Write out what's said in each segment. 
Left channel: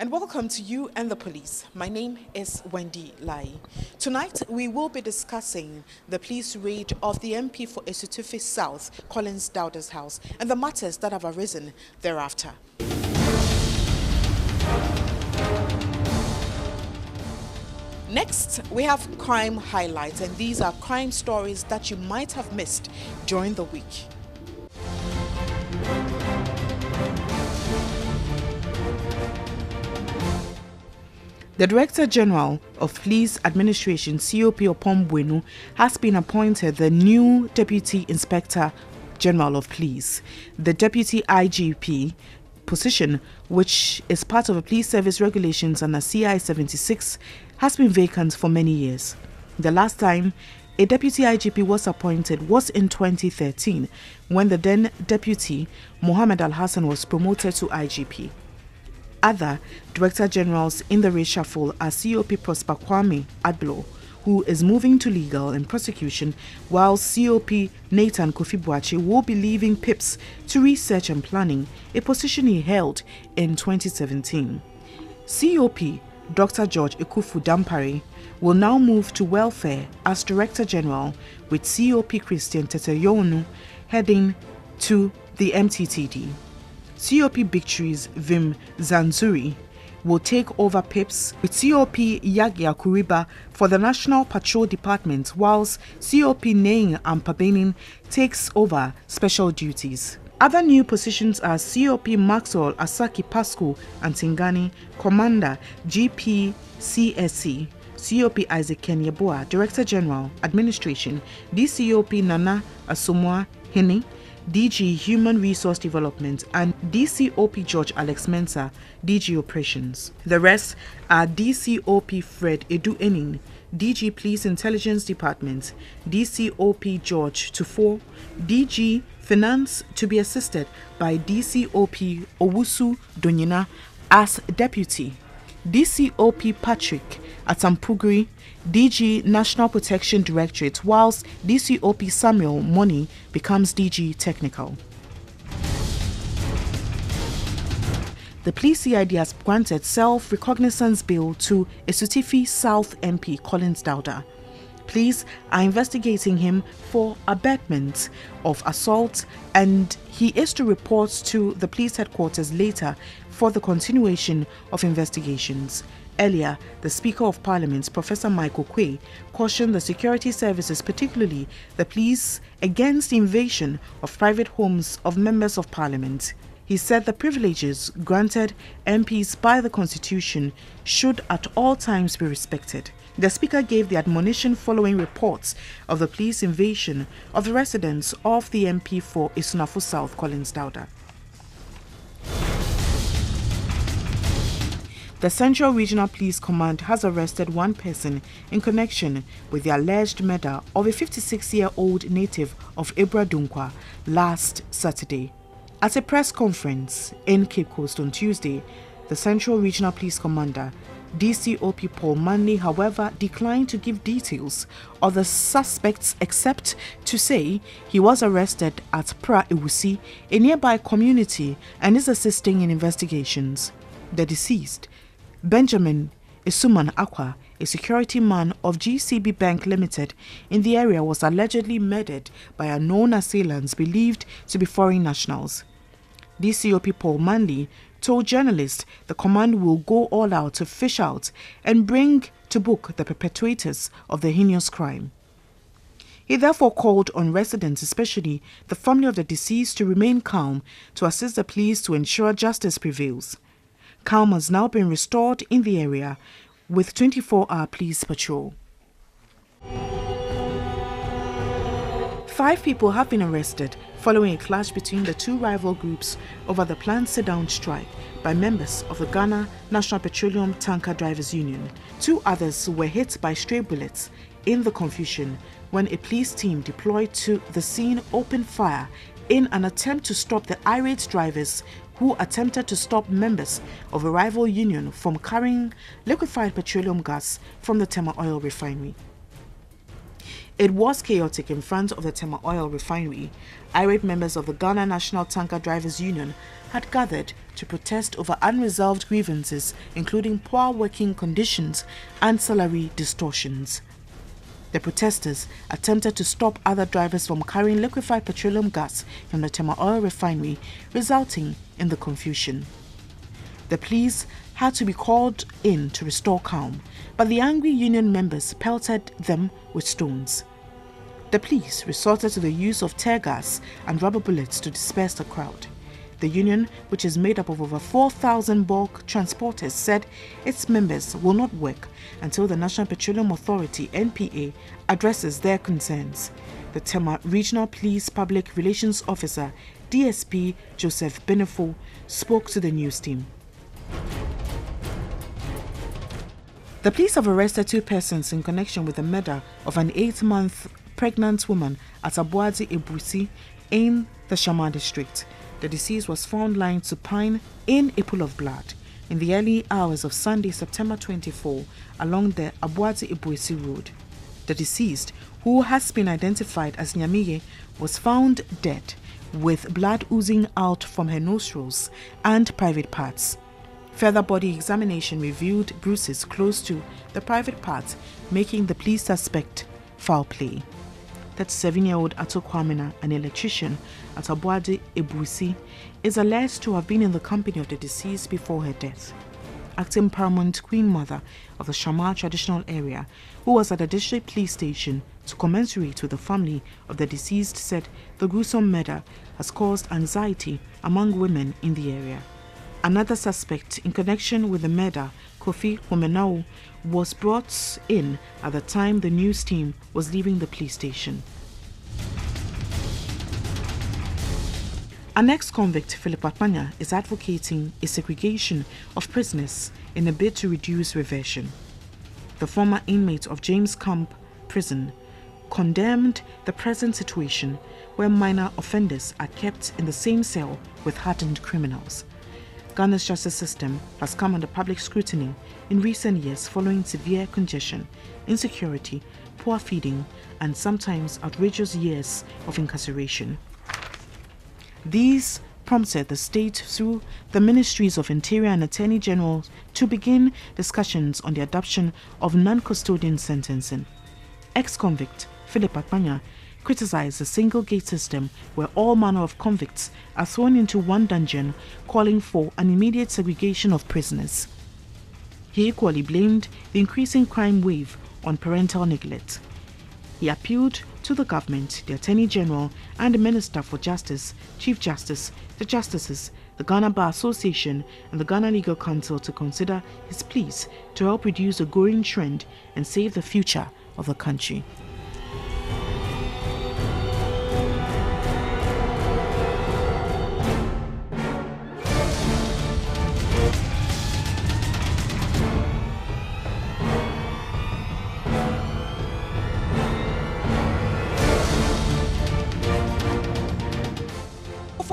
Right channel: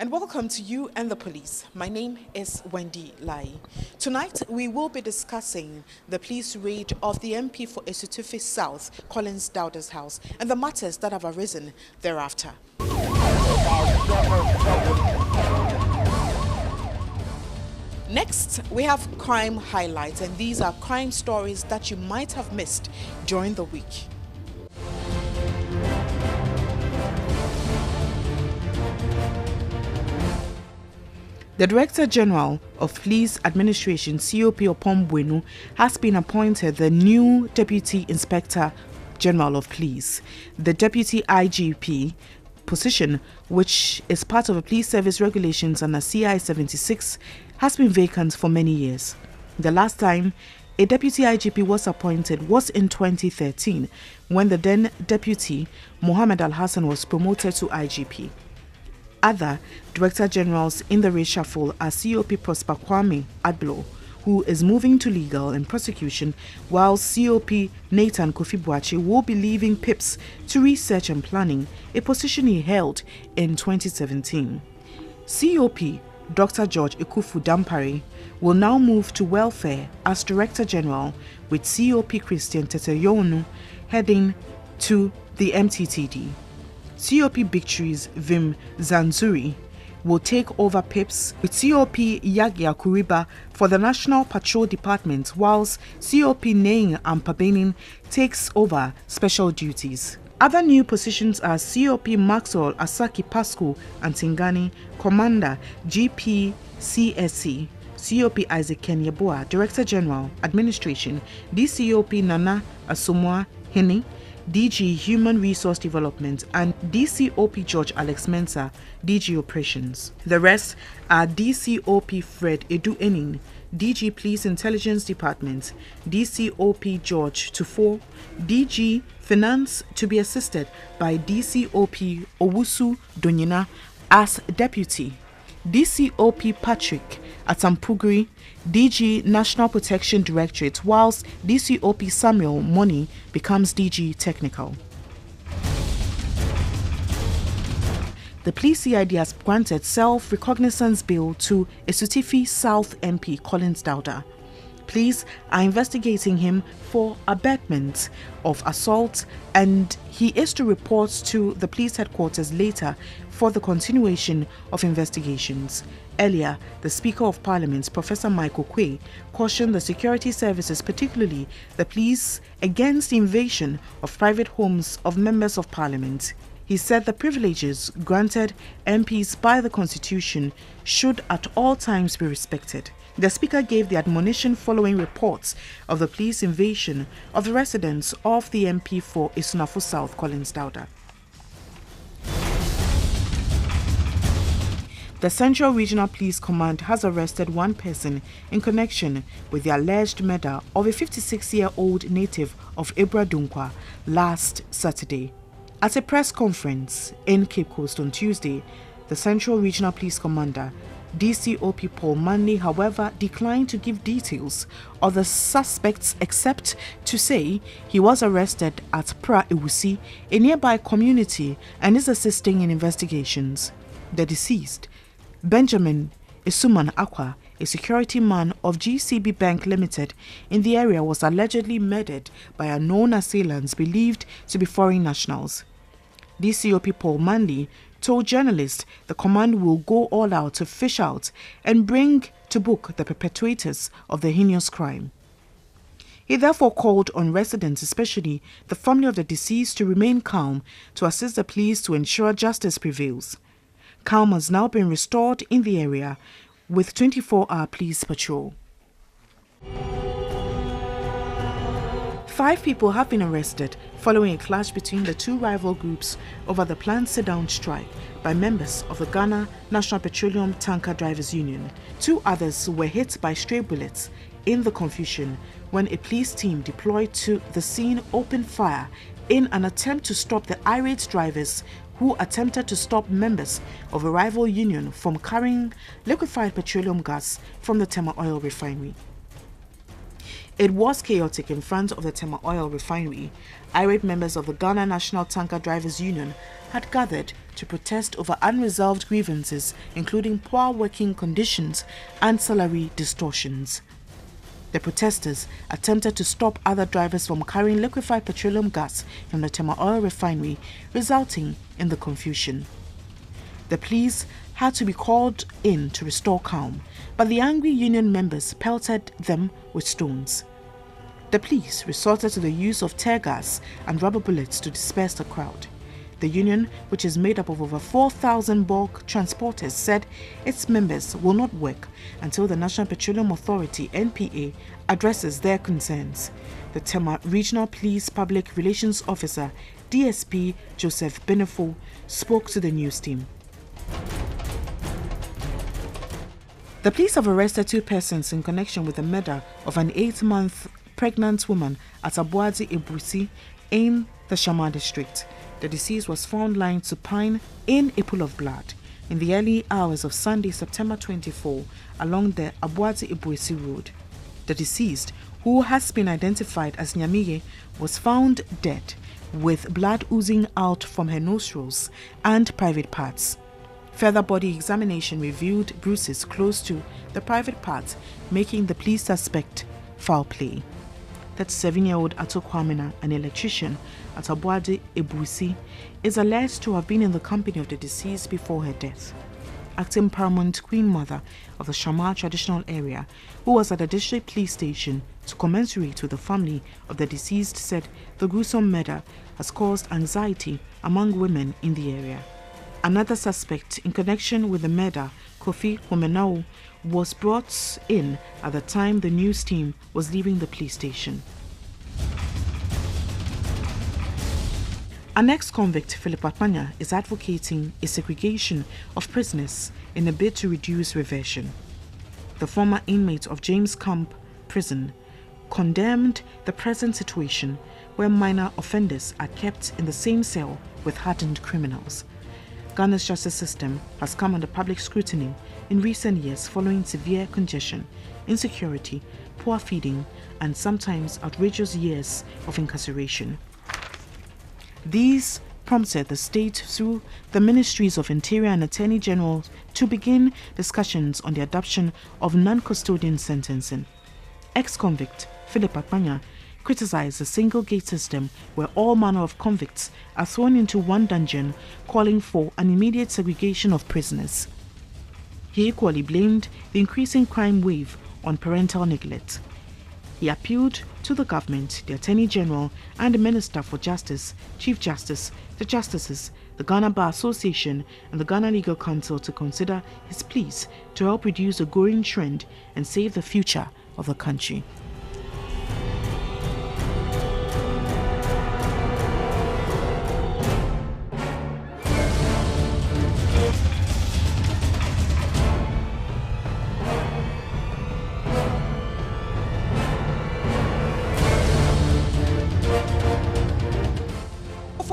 And welcome to You and the Police. My name is Wendy Lai. Tonight, we will be discussing the police raid of the MP for Esutufi South, Collins Dowda's house, and the matters that have arisen thereafter. Next, we have crime highlights, and these are crime stories that you might have missed during the week.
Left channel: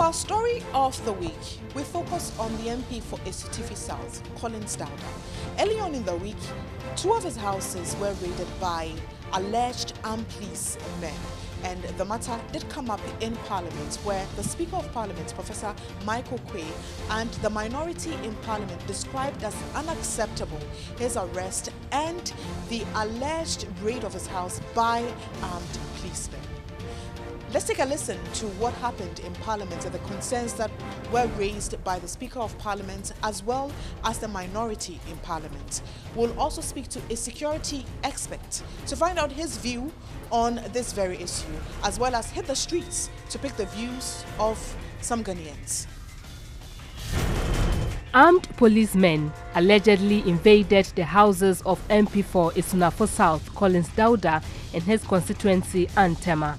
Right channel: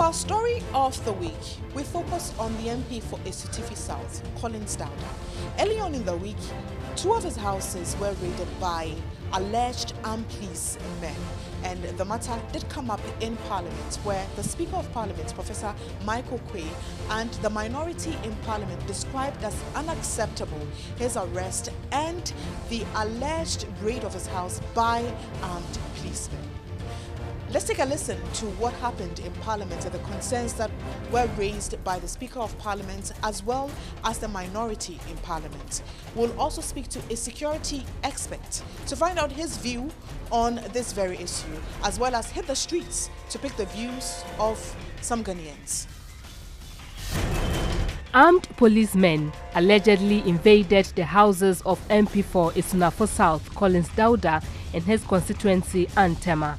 our story of the week, we focus on the MP for Esutifi South, Collins Dauda. Early on in the week, two of his houses were raided by alleged armed police men. And the matter did come up in Parliament, where the Speaker of Parliament, Professor Mike Okwe, and the minority in Parliament described as unacceptable his arrest and the alleged raid of his house by armed policemen. Let's take a listen to what happened in Parliament and the concerns that were raised by the Speaker of Parliament as well as the minority in Parliament. We'll also speak to a security expert to find out his view on this very issue, as well as hit the streets to pick the views of some Ghanaians. Armed policemen allegedly invaded the houses of MP for Isunafo South, Collins Dauda, in his constituency, Antema.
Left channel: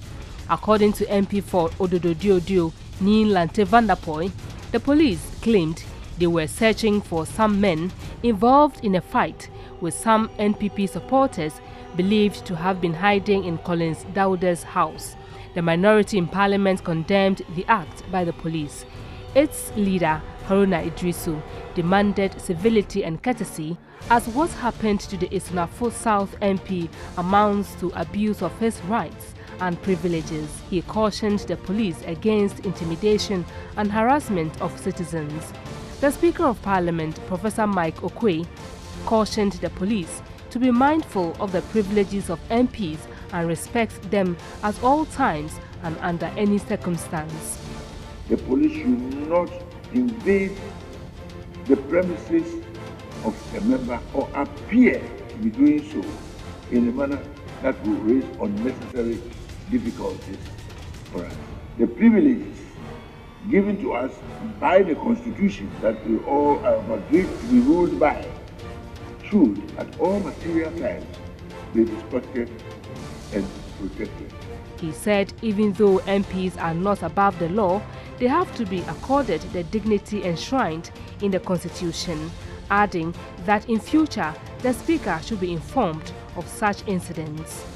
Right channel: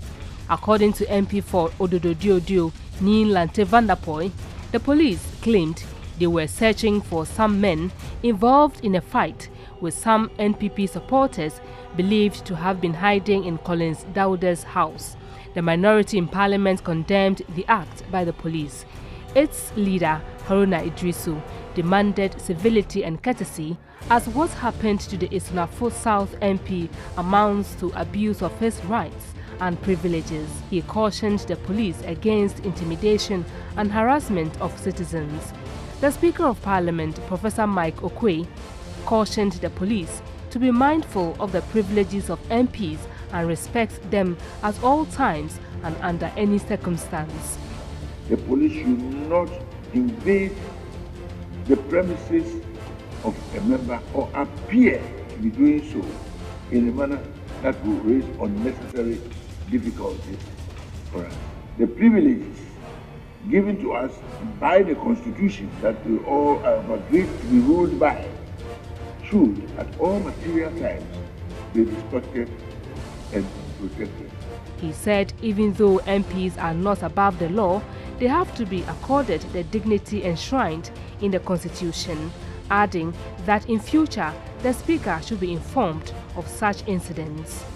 According to MP for Odododiodio, Nin Lante Vandapoy, the police claimed they were searching for some men involved in a fight with some NPP supporters believed to have been hiding in Collins Dauda's house. The minority in Parliament condemned the act by the police. Its leader, Haruna Idrisu, demanded civility and courtesy, as what happened to the Isunafo South MP amounts to abuse of his rights and privileges. He cautioned the police against intimidation and harassment of citizens. The Speaker of Parliament, Professor Mike Okwe, cautioned the police to be mindful of the privileges of MPs and respect them at all times and under any circumstance. The police should not invade the premises of a member or appear to be doing so in a manner that will raise unnecessary difficulties for us. The privileges given to us by the Constitution that we all have agreed to be ruled by should at all material times be respected and protected. He said even though MPs are not above the law, they have to be accorded the dignity enshrined in the Constitution, adding that in future the Speaker should be informed of such incidents.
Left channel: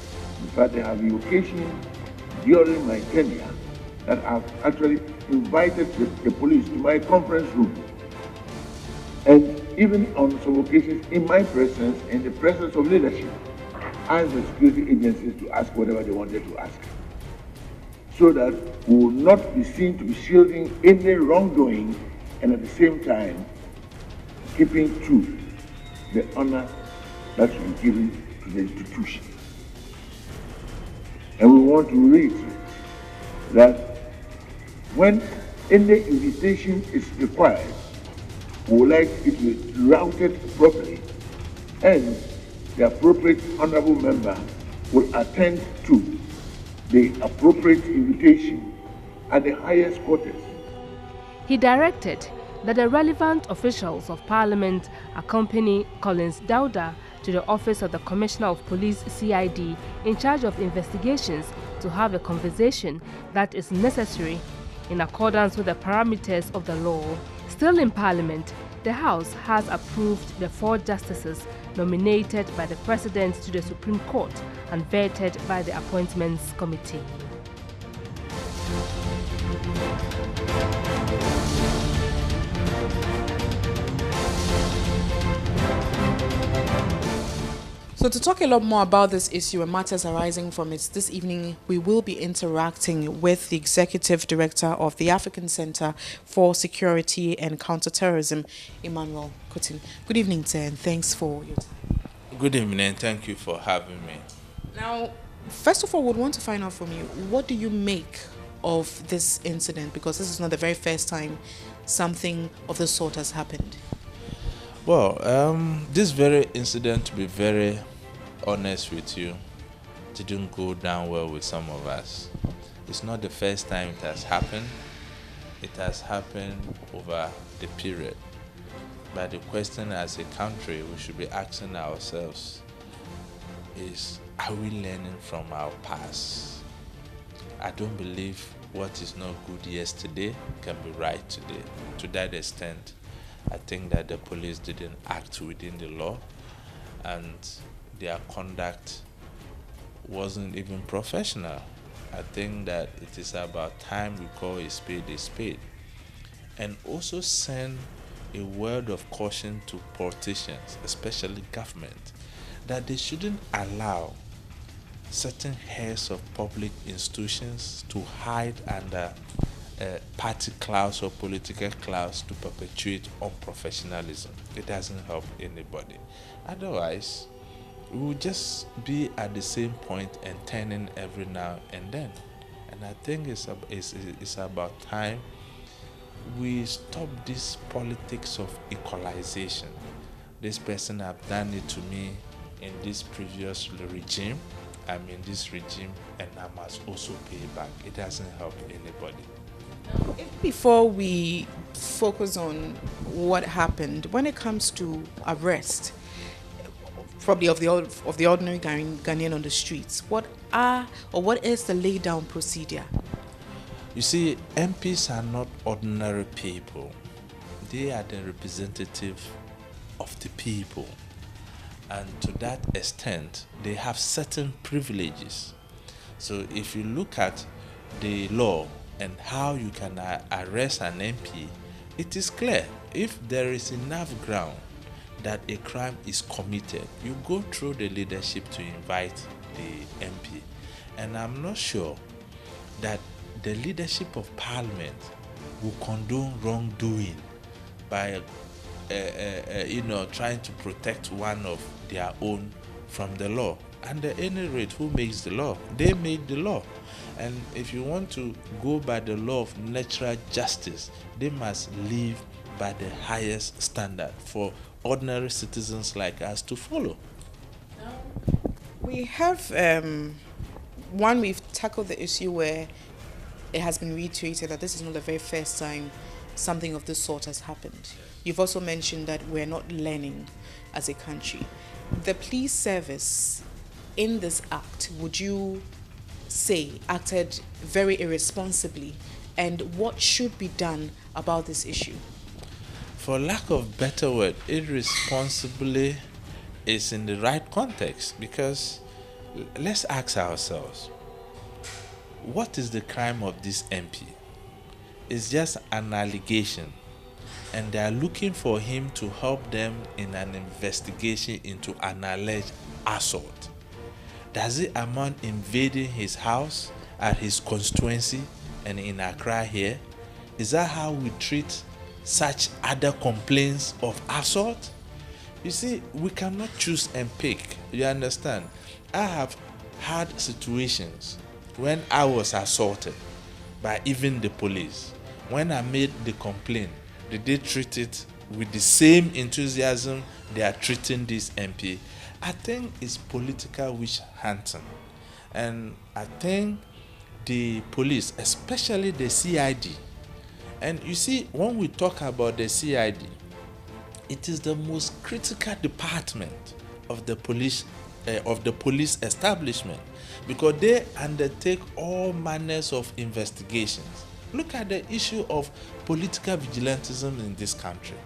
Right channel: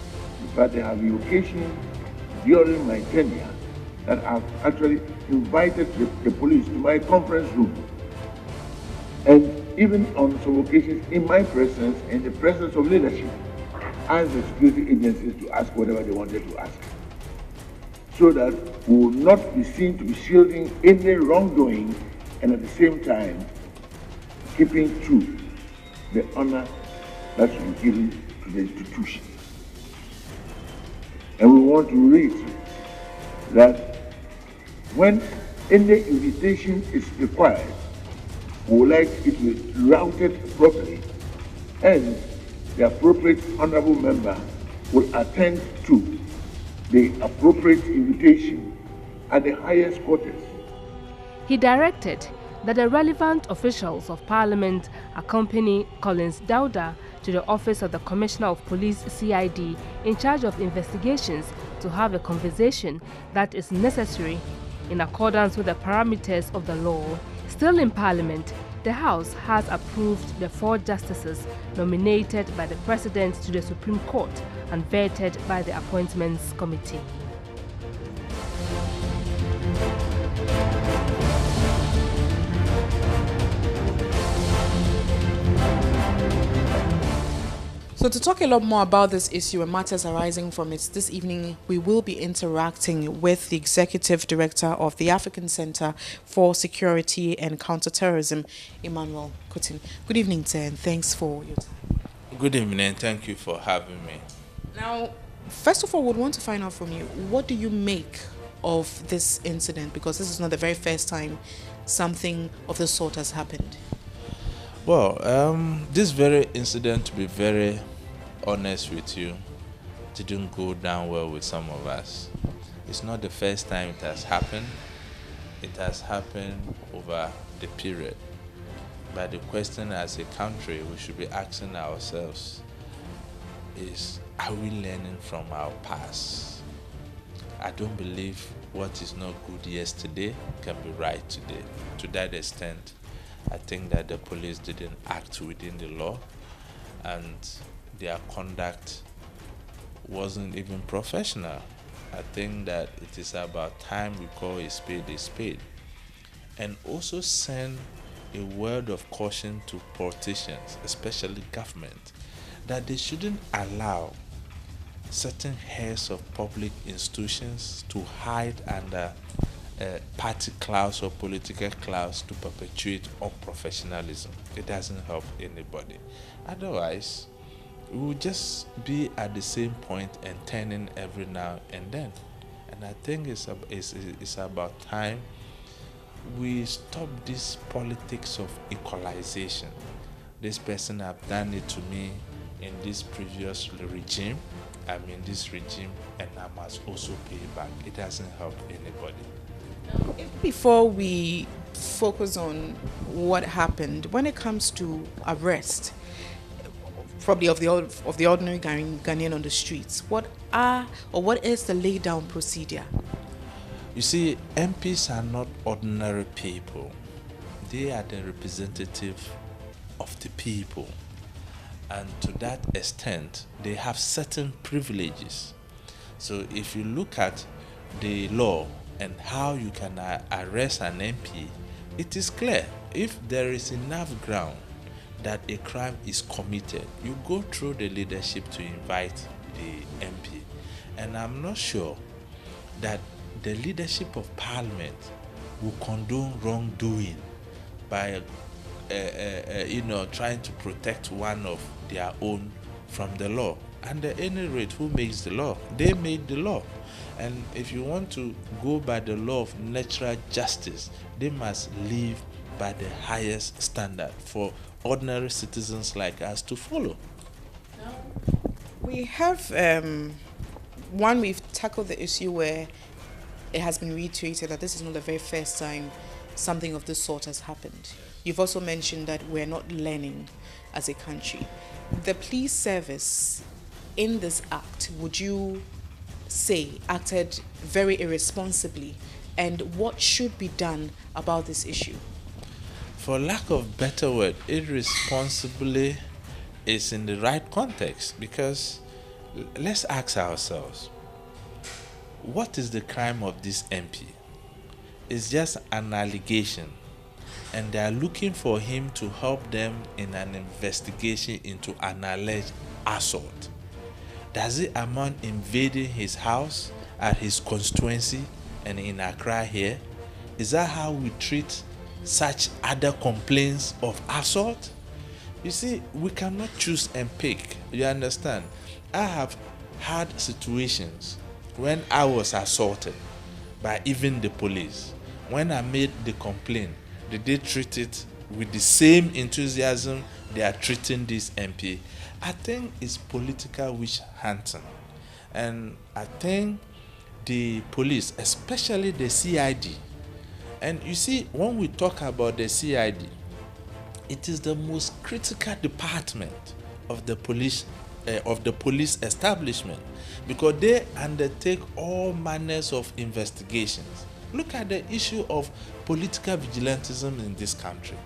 In fact, there have been occasions during my tenure that I've actually invited the police to my conference room, and even on some occasions in my presence, in the presence of leadership, asked the security agencies to ask whatever they wanted to ask, so that we will not be seen to be shielding any wrongdoing and at the same time keeping true the honor that should be given to the institution. And we want to reiterate that when any invitation is required, we would like it to be routed properly, and the appropriate honorable member will attend to the appropriate invitation at the highest quarters. He directed that the relevant officials of Parliament accompany Collins Dauda to the office of the Commissioner of Police CID in charge of investigations to have a conversation that is necessary in accordance with the parameters of the law. Still in Parliament, the House has approved the 4 justices nominated by the President to the Supreme Court and vetted by the Appointments Committee. So to talk a lot more about this issue and matters arising from it, this evening we will be interacting with the Executive Director of the African Center for Security and Counterterrorism, Emmanuel Kutin. Good evening, sir, and thanks for your time. Good evening, thank you for having me. Now, first of all, we'd want to find out from you, what do you make of this incident? Because this is not the very first time something of the sort has happened. Well, this very incident, to be very honest with you, didn't go down well with some of us. It's not the first time it has happened. It has happened over the period. But the question as a country we should be asking ourselves is, are we learning from our past? I don't believe what is not good yesterday can be right today. To that extent, I think that the police didn't act within the law, and their conduct wasn't even professional. I think that it is about time we call a spade, and also send a word of caution to politicians, especially government, that they shouldn't allow certain heads of public institutions to hide under party clouds or political clouds to perpetuate unprofessionalism. It doesn't help anybody. Otherwise, we will just be at the same point and turning every now and then. And I think it's about time we stop this politics of equalization. This person have done it to me in this previous regime. I'm in this regime and I must also pay back. It doesn't help anybody. Before we focus on what happened, when it comes to arrest, probably of the ordinary Ghanaian on the streets, what is the laydown procedure? You see, MPs are not ordinary people. They are the representative of the people. And to that extent, they have certain privileges. So if you look at the law and how you can arrest an MP, it is clear. If there is enough ground that a crime is committed, you go through the leadership to invite the MP. And I'm not sure that the leadership of Parliament will condone wrongdoing by trying to protect one of their own from the law. And at any rate, who makes the law? They made the law. And if you want to go by the law of natural justice, they must live by the highest standard for ordinary citizens like us to follow. We have we've tackled the issue where it has been reiterated that this is not the very first time something of this sort has happened. You've also mentioned that we're not learning as a country. The police service in this act, would you say, acted very irresponsibly? And what should be done about this issue? For lack of better word, irresponsibly is in the right context, because let's ask ourselves, what is the crime of this MP? It's just an allegation, and they are looking for him to help them in an investigation into an alleged assault. Does it amount invading his house at his constituency and in Accra here? Is that how we treat such other complaints of assault? You see, we cannot choose and pick. You understand? I have had situations when I was assaulted by even the police. When I made the complaint, did they treat it with the same enthusiasm they are treating this MP? I think it's political witch hunting. And I think the police, especially the CID, and you see, when we talk about the CID, it is the most critical department of the police establishment, because they undertake all manners of investigations. Look at the issue of political vigilantism in this country.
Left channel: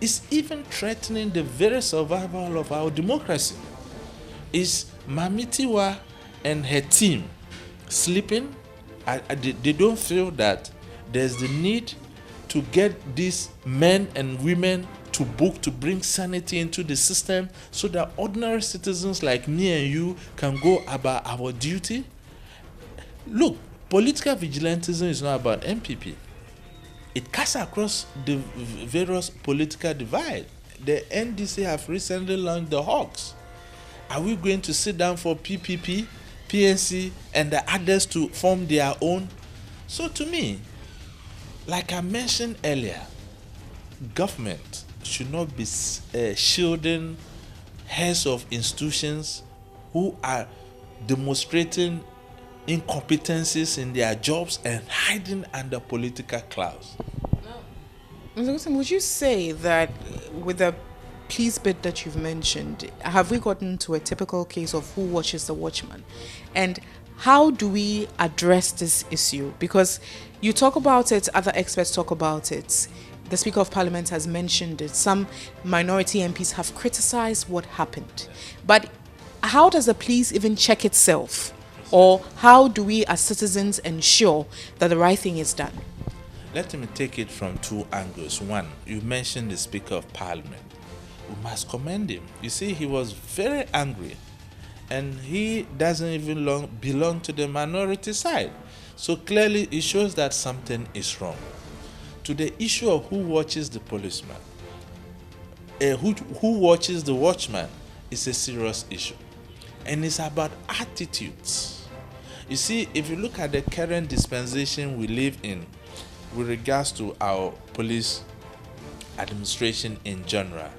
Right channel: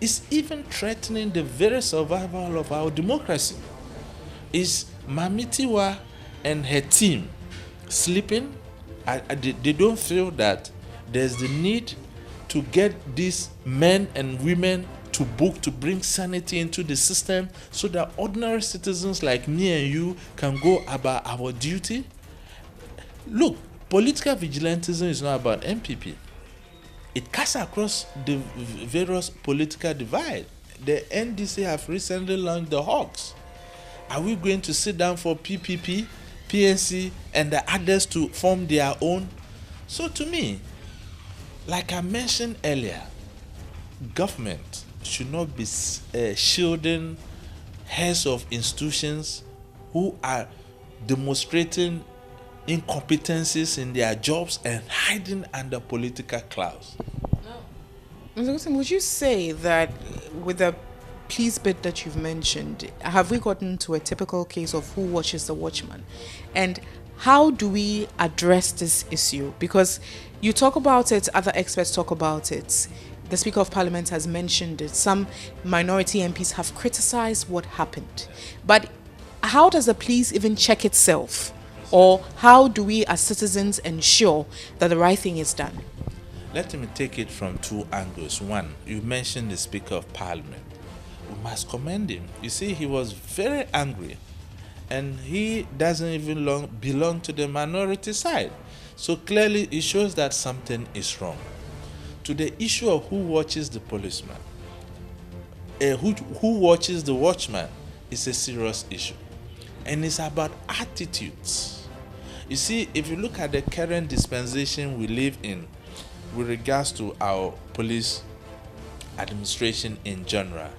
It's even threatening the very survival of our democracy. Is Mamitiwa and her team sleeping? They don't feel that there's the need to get these men and women to book, to bring sanity into the system so that ordinary citizens like me and you can go about our duty? Look, political vigilantism is not about MPP. It cuts across the various political divide. The NDC have recently launched the Hawks. Are we going to sit down for PPP, PNC, and the others to form their own? So to me, like I mentioned earlier, government should not be shielding heads of institutions who are demonstrating incompetencies in their jobs and hiding under political clouds. Would you say that with the police bit that you've mentioned, have we gotten to a typical case of who watches the watchman? And how do we address this issue? Because you talk about it, other experts talk about it. The Speaker of Parliament has mentioned it. Some minority MPs have criticized what happened. But how does the police even check itself Or how do we as citizens ensure that the right thing is done? Let me take it from two angles. One, you mentioned the Speaker of Parliament. We must commend him. You see, he was very angry, and he doesn't even belong to the minority side. So clearly, it shows that something is wrong. To the issue of who watches the policeman, who watches the watchman, is a serious issue. And it's about attitudes. You see, if you look at the current dispensation we live in with regards to our police administration in general,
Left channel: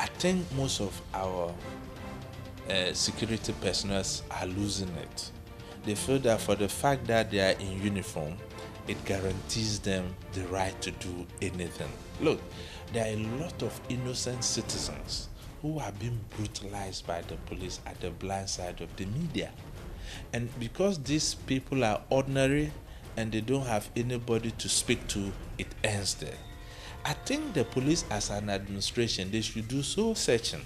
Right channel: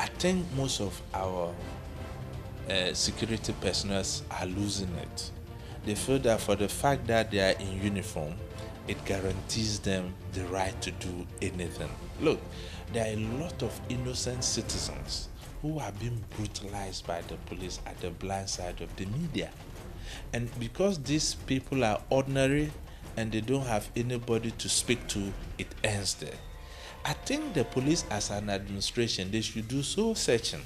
I think most of our security personnel are losing it. They feel that for the fact that they are in uniform, it guarantees them the right to do anything. Look, there are a lot of innocent citizens who are being brutalized by the police at the blind side of the media. And because these people are ordinary and they don't have anybody to speak to, it ends there. I think the police as an administration, they should do soul searching.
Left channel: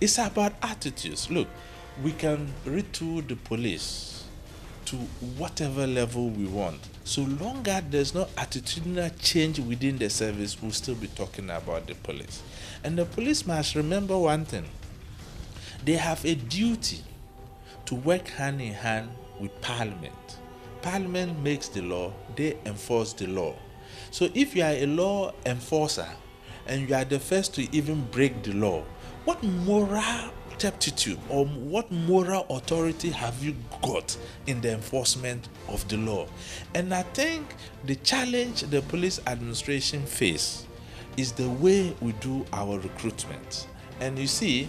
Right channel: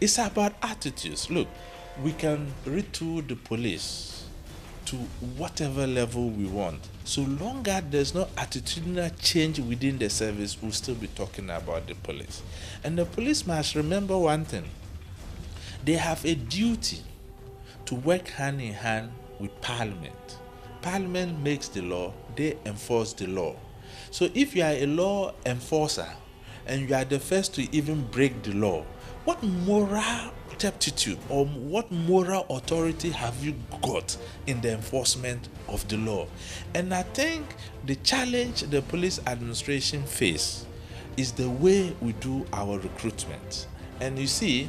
It's about attitudes. Look, we can retool the police to whatever level we want. So long as there's no attitudinal change within the service, we'll still be talking about the police. And the police must remember one thing. They have a duty to work hand in hand with Parliament. Parliament makes the law, they enforce the law. So if you are a law enforcer and you are the first to even break the law, what moral turpitude or what moral authority have you got in the enforcement of the law? And I think the challenge the police administration face is the way we do our recruitment. And you see,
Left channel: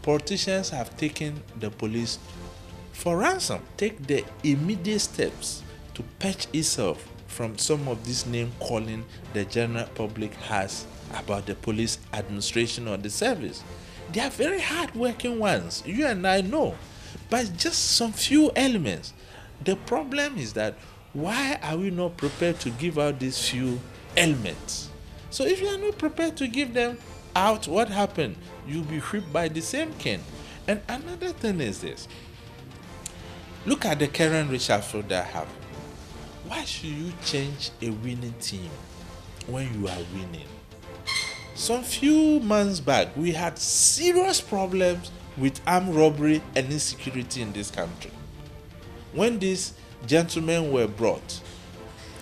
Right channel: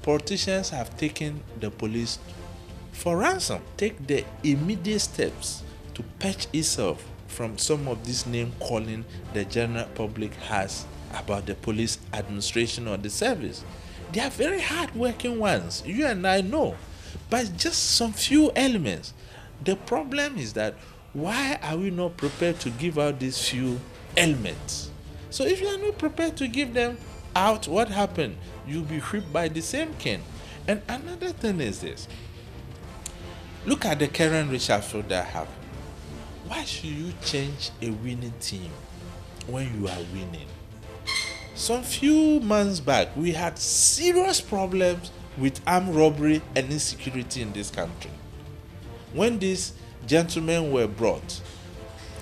politicians have taken the police for ransom. Take the immediate steps to patch itself from some of this name calling the general public has about the police administration or the service. They are very hard-working ones. You and I know. But just some few elements. The problem is that why are we not prepared to give out these few elements? So if you are not prepared to give them out, what happened? You'll be whipped by the same cane. And another thing is this. Look at the current reshuffle that happened. Why should you change a winning team when you are winning? Some few months back, we had serious problems with armed robbery and insecurity in this country. When these gentlemen were brought,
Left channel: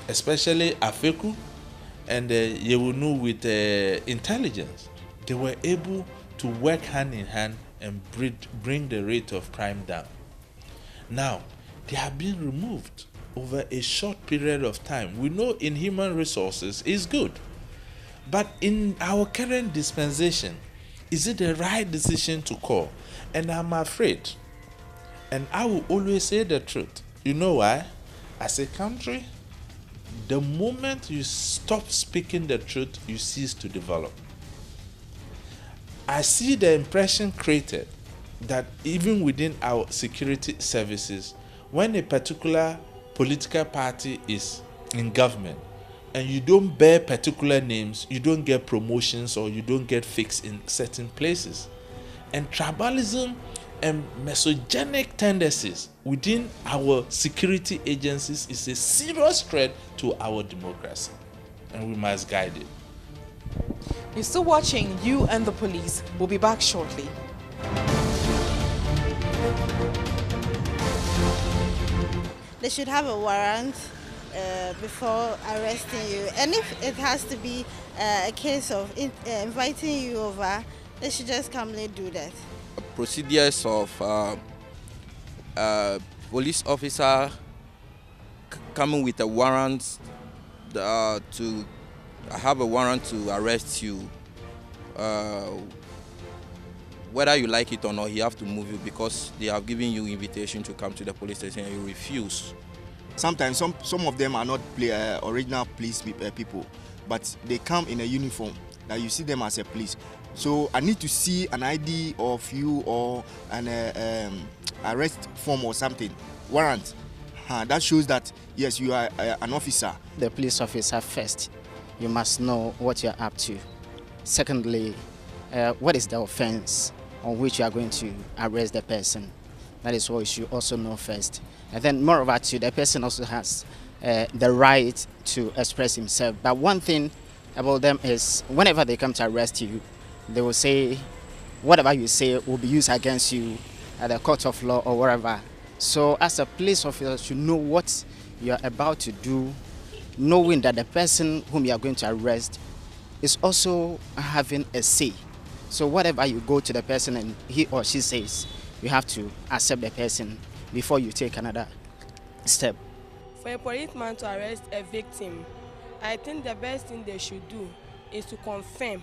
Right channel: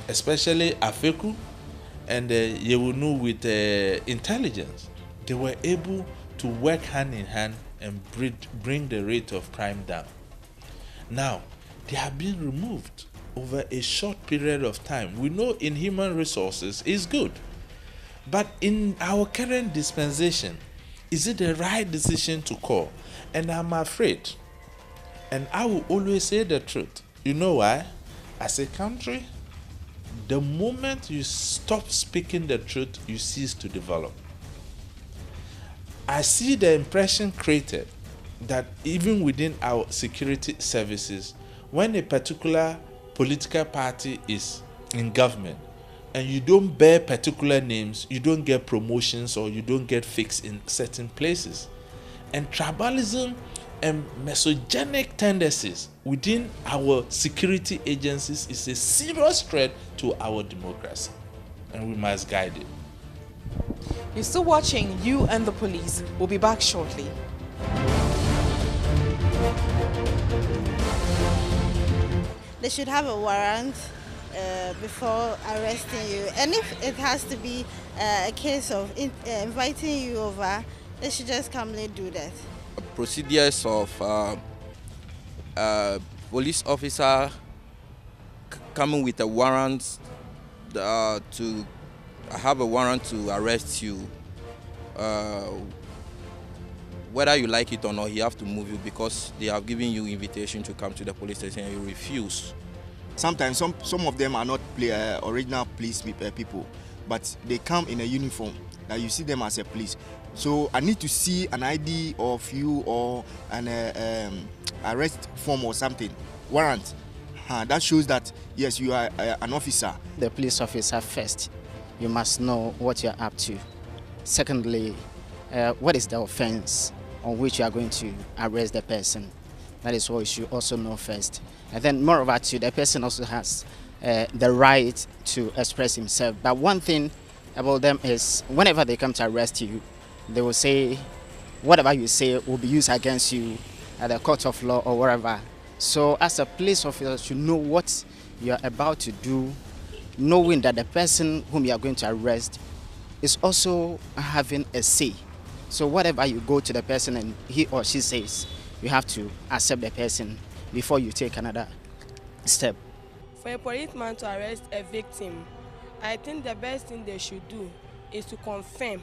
especially Afeku and Yewunu with intelligence, they were able to work hand in hand and bring the rate of crime down. Now, they have been removed over a short period of time. We know in human resources is good. But in our current dispensation, is it the right decision to call? And I'm afraid, and I will always say the truth. You know why? As a country, the moment you stop speaking the truth, you cease to develop. I see the impression created that even within our security services, when a particular political party is in government, and you don't bear particular names, you don't get promotions or you don't get fixed in certain places. And tribalism and misogynic tendencies within our security agencies is a serious threat to our democracy. And we must guide it. You're still watching You and the Police. We'll be back shortly. They should have a warrant before arresting you, and if it has to be a case of inviting you over, they should just calmly do that. Procedures of police officer coming with a warrant to have a warrant to arrest you, whether you like it or not, he have to move you because they have given you invitation to come to the police station and you refuse. Sometimes some of them are not original police people, but they come in a uniform that you see them as a police. So I need to see an ID of you or an arrest form or something, warrant. That shows that yes, you are an officer. The police officer first, you must know what you're up to. Secondly, what is the offense on which you are going to arrest the person? That is what you should also know first. And then moreover too, the person also has the right to express himself. But one thing about them is whenever they come to arrest you, they will say whatever you say will be used against you at the court of law or wherever. So as a police officer, you know what you are about to do, knowing that the person whom you are going to arrest is also having a say. So whatever you go to the person and he or she says, you have to accept the person before you take another step. For a policeman to arrest a victim, I think the best thing they should do is to confirm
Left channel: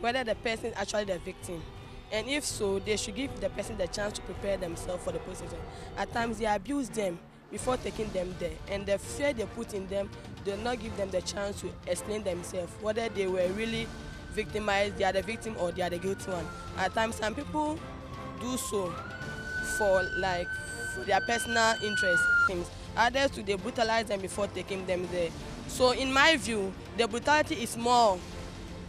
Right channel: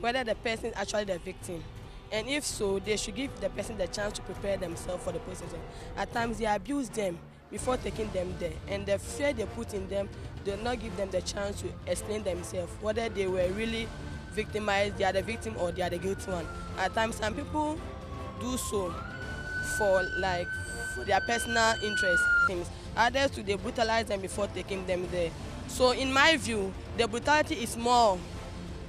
whether the person is actually the victim. And if so, they should give the person the chance to prepare themselves for the procedure. At times, they abuse them before taking them there. And the fear they put in them do not give them the chance to explain themselves, whether they were really victimized, they are the victim or they are the guilty one. At times, some people do so for their personal interest. Others too, they brutalize them before taking them there. So in my view, the brutality is more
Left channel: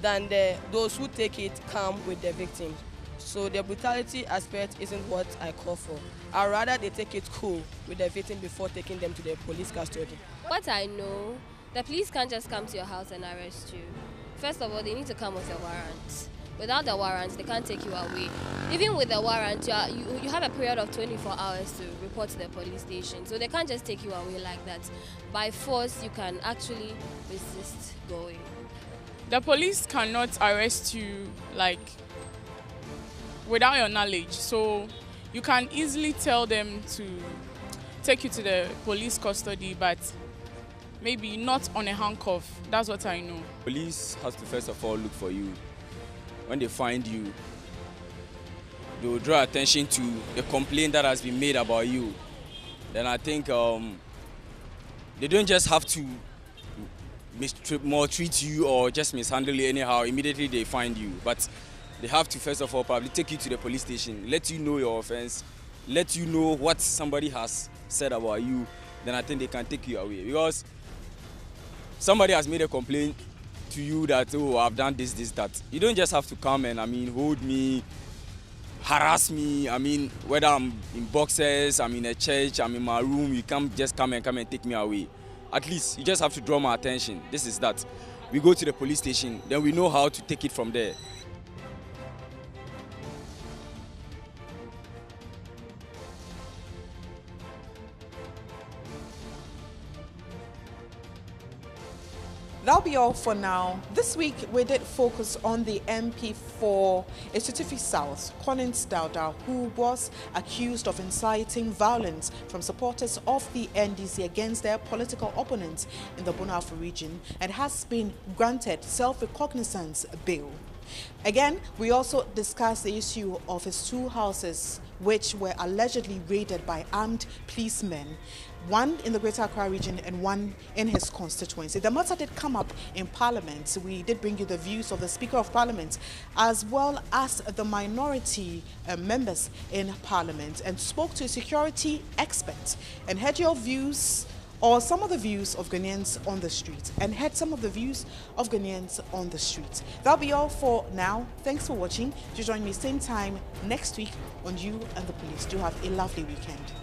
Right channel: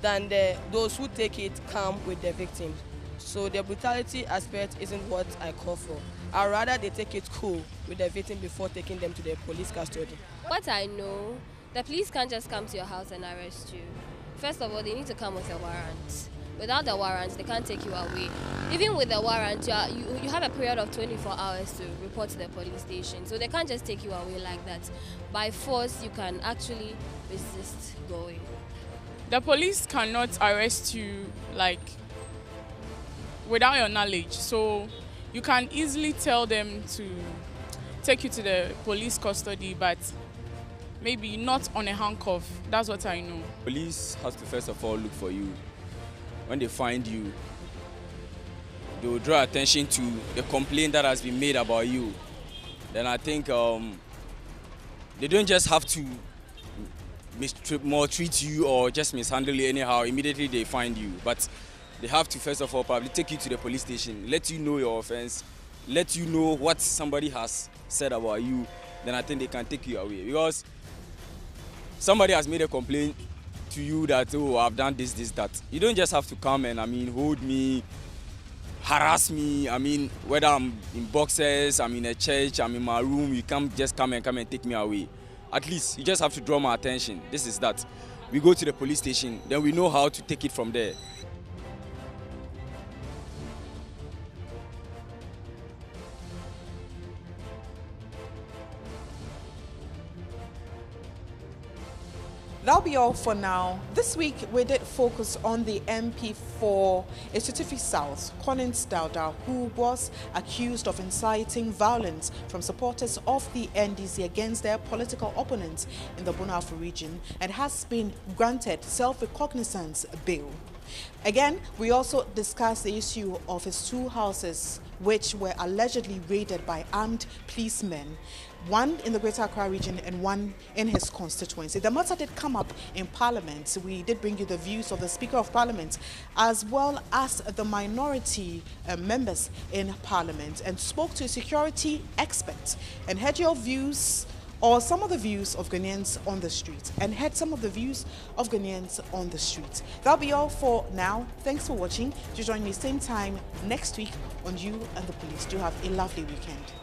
than those who take it calm with the victims. So the brutality aspect isn't what I call for. I'd rather they take it cool with the victim before taking them to the police custody. What I know, the police can't just come to your house and arrest you. First of all, they need to come with a warrant. Without the warrant, they can't take you away. Even with the warrant, you have a period of 24 hours to report to the police station. So they can't just take you away like that. By force, you can actually resist going. The police cannot arrest you without your knowledge. So you can easily tell them to take you to the police custody, but maybe not on a handcuff. That's what I know. Police has to first of all look for you. When they find you, they will draw attention to the complaint that has been made about you. Then I think they don't just have to maltreat you or just mishandle you anyhow. Immediately they find you, but they have to first of all probably take you to the police station, let you know your offense, let you know what somebody has said about you. Then I think they can take you away, because somebody has made a complaint to you that, oh, I've done this, that. You don't just have to come and hold me, harass me. Whether I'm in boxers, I'm in a church, I'm in my room, you can't just come and take me away. At least you just have to draw my attention. This is that. We go to the police station, then we know how to take it from there. That'll be all for now. This week we did focus on the MP for Esutufi South, Collins Dauda, who was accused of inciting violence from supporters of the NDC against their political opponents in the Bonafo region, and has been granted self-recognizance bail. Again, we also discussed the issue of his two houses, which were allegedly raided by armed policemen, one in the Greater Accra region and one in his constituency. The matter did come up in Parliament. We did bring you the views of the Speaker of Parliament as well as the minority members in Parliament, and spoke to a security expert and heard your views, or some of the views of Ghanaians on the street, and heard some of the views of Ghanaians on the street. That'll be all for now. Thanks for watching. Do join me same time next week on You and the Police. Do have a lovely weekend.